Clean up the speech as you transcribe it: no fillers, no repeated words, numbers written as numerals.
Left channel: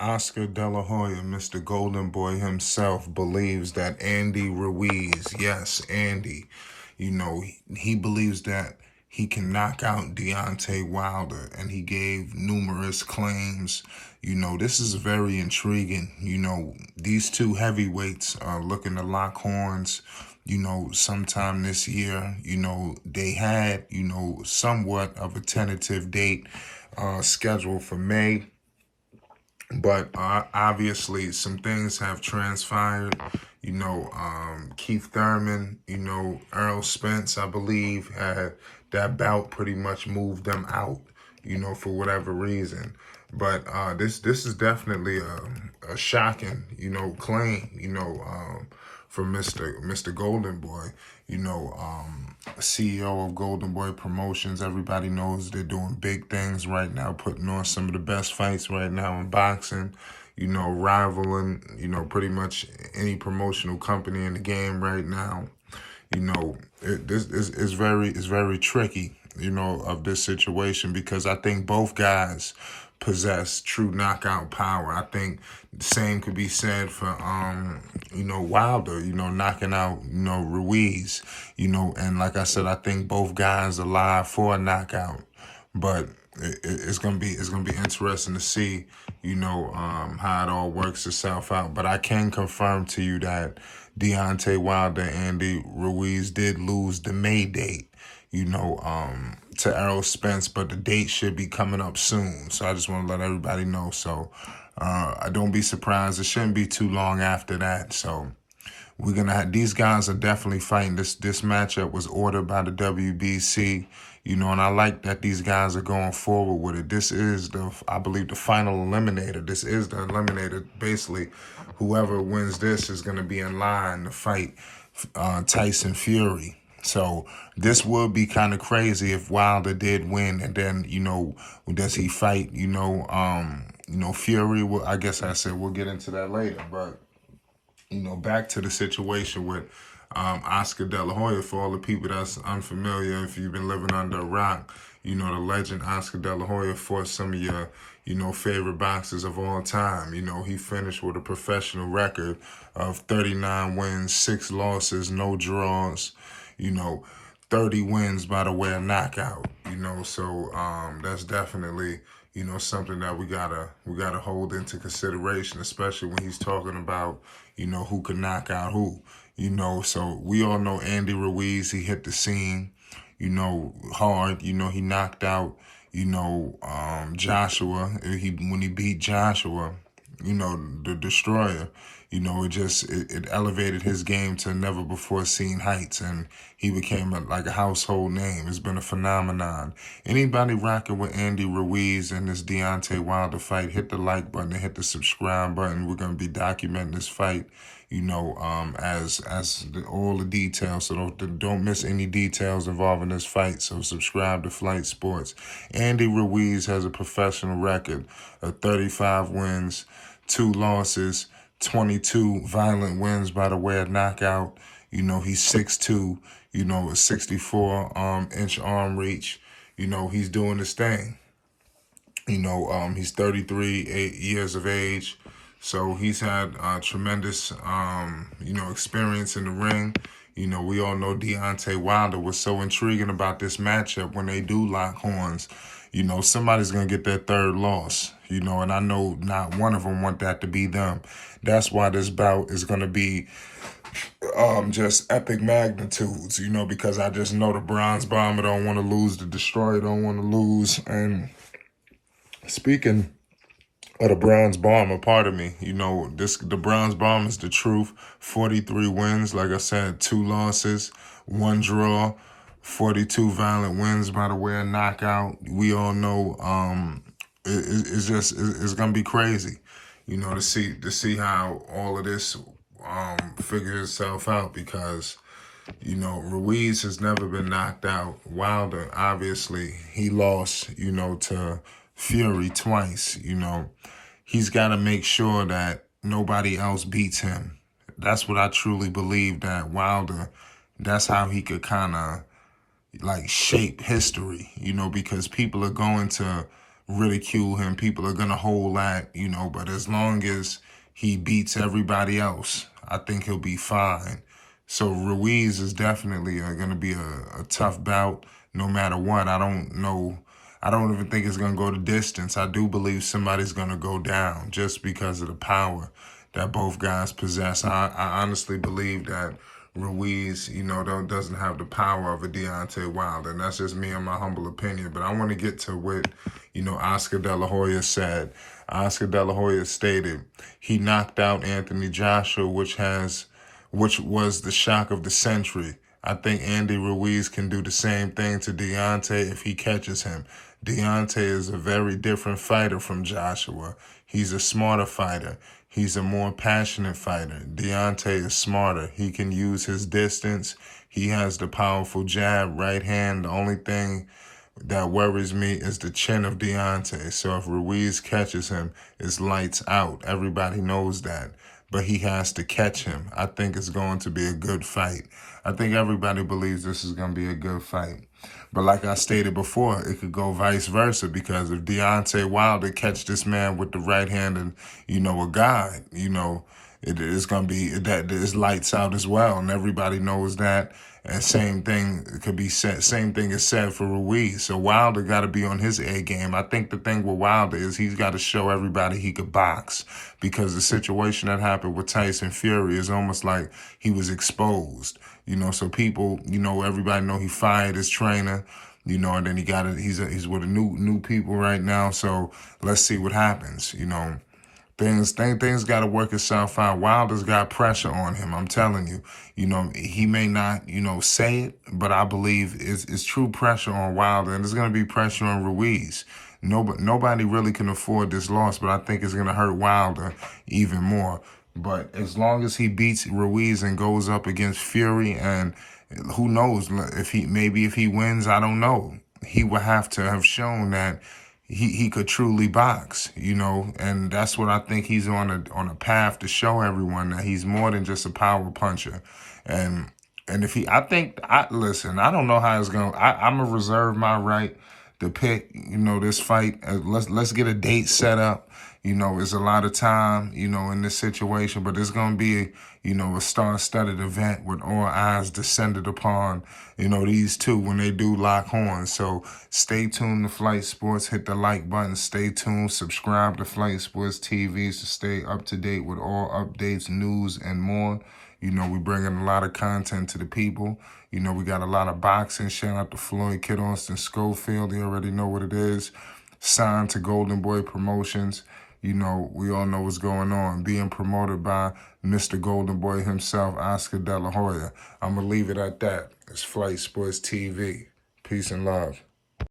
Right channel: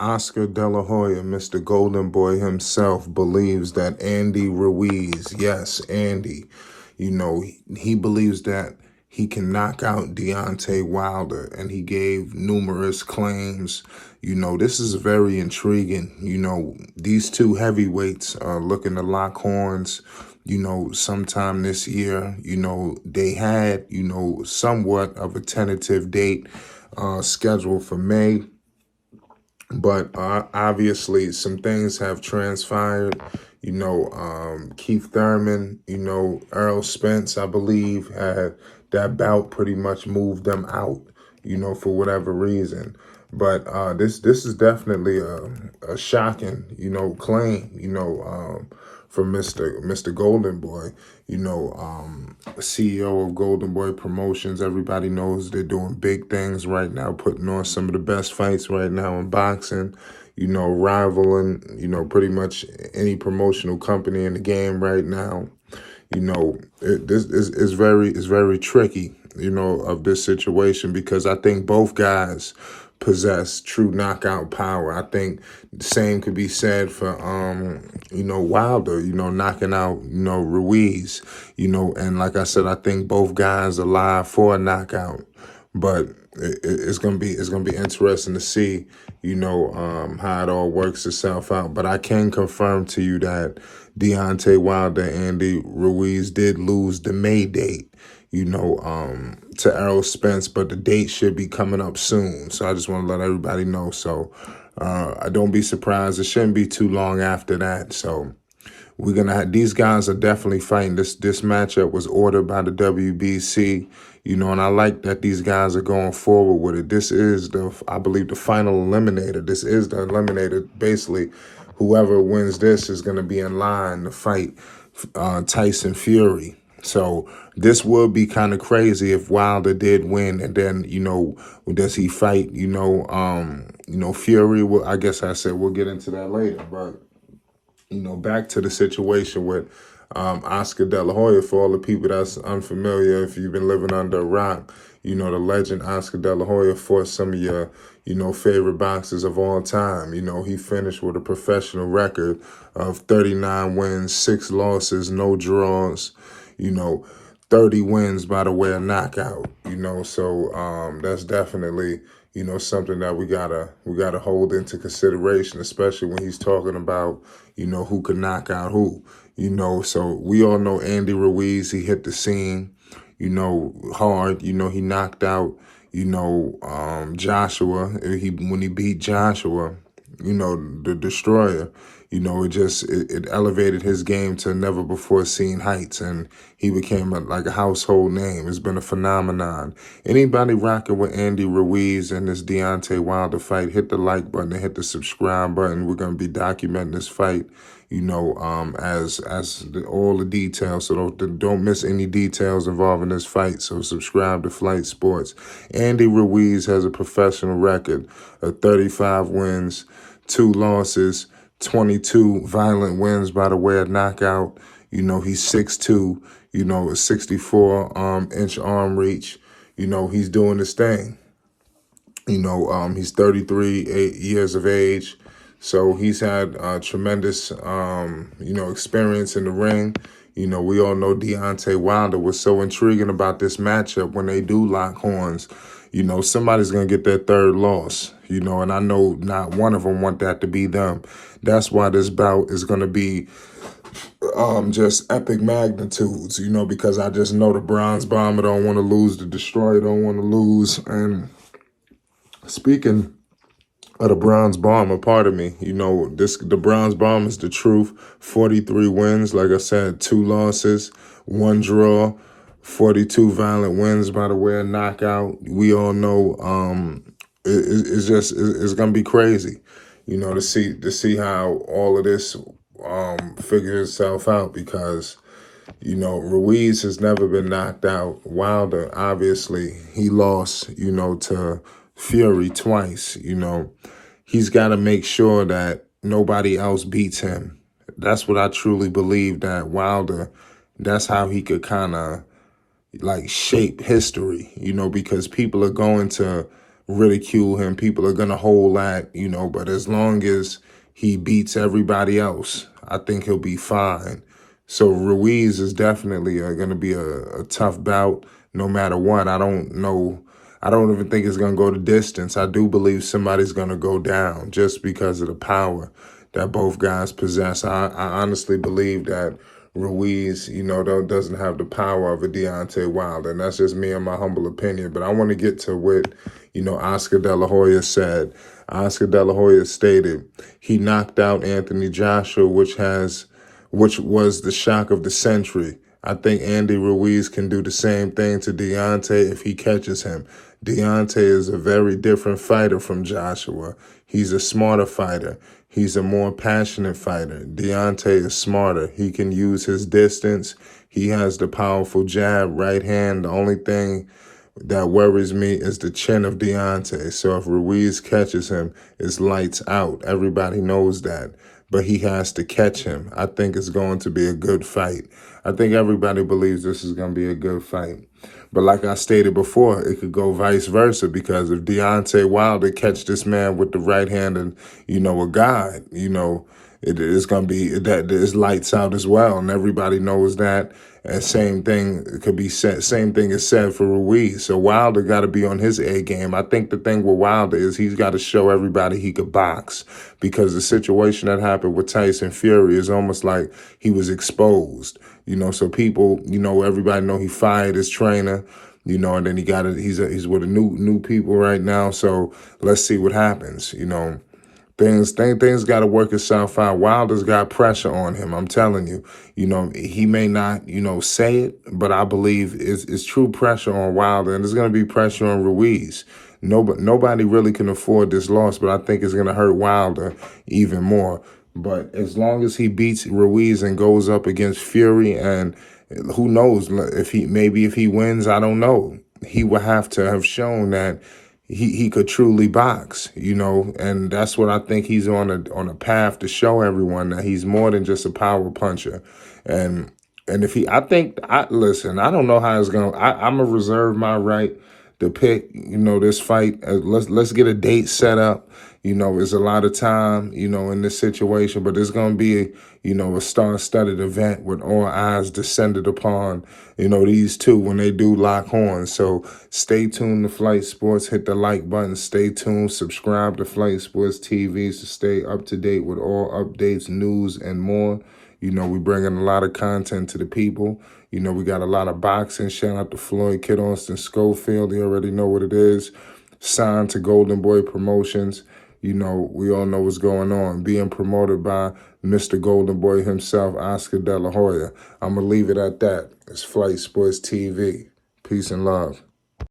Oscar De La Hoya, Mr. Golden Boy himself, believes that Andy Ruiz, yes, Andy, he believes that he can knock out Deontay Wilder, and he gave numerous claims. This is very intriguing. These two heavyweights are looking to lock horns, sometime this year. They had, somewhat of a tentative date scheduled for May. But obviously, some things have transpired. Keith Thurman, Earl Spence, I believe, had that bout pretty much moved them out, for whatever reason. But this is definitely a shocking, claim, from Mr. Golden Boy, CEO of Golden Boy Promotions. Everybody knows they're doing big things right now, putting on some of the best fights right now in boxing, rivaling, pretty much any promotional company in the game right now. This is very tricky, of this situation, because I think both guys possess true knockout power. I think the same could be said for Wilder, knocking out, Ruiz, and like I said, I think both guys are live for a knockout. But it's gonna be interesting to see, how it all works itself out. But I can confirm to you that Deontay Wilder and Andy Ruiz did lose the May date, to Errol Spence, but the date should be coming up soon. So I just want to let everybody know. So I don't be surprised. It shouldn't be too long after that. So we're gonna have, these guys are definitely fighting. This matchup was ordered by the WBC, and I like that these guys are going forward with it. This is I believe, the final eliminator. This is the eliminator. Basically, whoever wins this is gonna be in line to fight Tyson Fury. So this would be kind of crazy if Wilder did win, and then, does he fight, Fury? Well, I guess I said we'll get into that later, but, back to the situation with Oscar De La Hoya. For all the people that's unfamiliar, if you've been living under a rock, the legend Oscar De La Hoya fought some of your, favorite boxers of all time. He finished with a professional record of 39 wins, 6 losses, no draws, 30 wins by the way of knockout, so that's definitely, something that we gotta hold into consideration, especially when he's talking about, who can knock out who, so we all know Andy Ruiz. He hit the scene, hard, he knocked out, Joshua. When he beat Joshua, the Destroyer, it elevated his game to never before seen heights, and he became like a household name. It's been a phenomenon. Anybody rocking with Andy Ruiz and this Deontay Wilder fight, hit the like button and hit the subscribe button. We're going to be documenting this fight, all the details, so don't miss any details involving this fight. So subscribe to Flight Sports. Andy Ruiz has a professional record of 35 wins, 2 losses, 22 violent wins by the way of knockout. He's 6'2", a 64-inch arm reach. He's doing his thing. He's 33 years of age. So he's had tremendous, experience in the ring. We all know Deontay Wilder. Was so intriguing about this matchup when they do lock horns. Somebody's going to get their third loss, and I know not one of them want that to be them. That's why this bout is going to be just epic magnitudes, because I just know the Bronze Bomber don't want to lose, the Destroyer don't want to lose. And speaking of the Bronze Bomber, pardon me, the Bronze Bomber is the truth. 43 wins, like I said, 2 losses, 1 draw, 42 violent wins by the way of knockout. We all know it's gonna be crazy, to see how all of this figures itself out, because Ruiz has never been knocked out. Wilder, obviously, he lost, to Fury twice. He's got to make sure that nobody else beats him. That's what I truly believe, that Wilder, that's how he could kind of like shape history, because people are going to ridicule him. People are going to hold that, you know, but as long as he beats everybody else, I think he'll be fine. So Ruiz is definitely going to be a tough bout no matter what. I don't know. I don't even think it's going to go the distance. I do believe somebody's going to go down just because of the power that both guys possess. I honestly believe that Ruiz, you know, doesn't have the power of a Deontay Wilder. And that's just me and my humble opinion. But I want to get to what, you know, Oscar De La Hoya said. Oscar De La Hoya stated he knocked out Anthony Joshua, which was the shock of the century. I think Andy Ruiz can do the same thing to Deontay if he catches him. Deontay is a very different fighter from Joshua. He's a smarter fighter. He's a more passionate fighter. Deontay is smarter. He can use his distance. He has the powerful jab, right hand. The only thing that worries me is the chin of Deontay. So if Ruiz catches him, it's lights out. Everybody knows that. But he has to catch him. I think it's going to be a good fight. I think everybody believes this is going to be a good fight. But like I stated before, it could go vice versa, because if Deontay Wilder catch this man with the right hand and, you know, a guide, you know, it is going to be that it's lights out as well. And everybody knows that. And same thing could be said. Same thing is said for Ruiz. So Wilder got to be on his A game. I think the thing with Wilder is he's got to show everybody he could box, because the situation that happened with Tyson Fury is almost like he was exposed. You know, so people, you know, everybody know he fired his trainer. You know, and then he's with a new people right now. So let's see what happens. You know. Things got to work itself out. Wilder's got pressure on him. I'm telling you, you know, he may not, you know, say it, but I believe it's true pressure on Wilder, and there's going to be pressure on Ruiz. Nobody really can afford this loss, but I think it's going to hurt Wilder even more. But as long as he beats Ruiz and goes up against Fury, and who knows if he wins, I don't know. He will have to have shown that he could truly box, you know, and that's what I think he's on a path to show everyone, that he's more than just a power puncher. And if listen, I don't know how it's going. I'm gonna reserve my right to pick, you know, this fight. Let's get a date set up. You know, there's a lot of time, you know, in this situation, but it's going to be, you know, a star-studded event with all eyes descended upon, you know, these two when they do lock horns. So stay tuned to Flight Sports. Hit the like button. Stay tuned. Subscribe to Flight Sports TV to stay up to date with all updates, news, and more. You know, we bringing a lot of content to the people. You know, we got a lot of boxing. Shout out to Floyd, Kid Austin, Schofield. You already know what it is. Signed to Golden Boy Promotions. You know, we all know what's going on. Being promoted by Mr. Golden Boy himself, Oscar De La Hoya. I'm going to leave it at that. It's Flight Sports TV. Peace and love.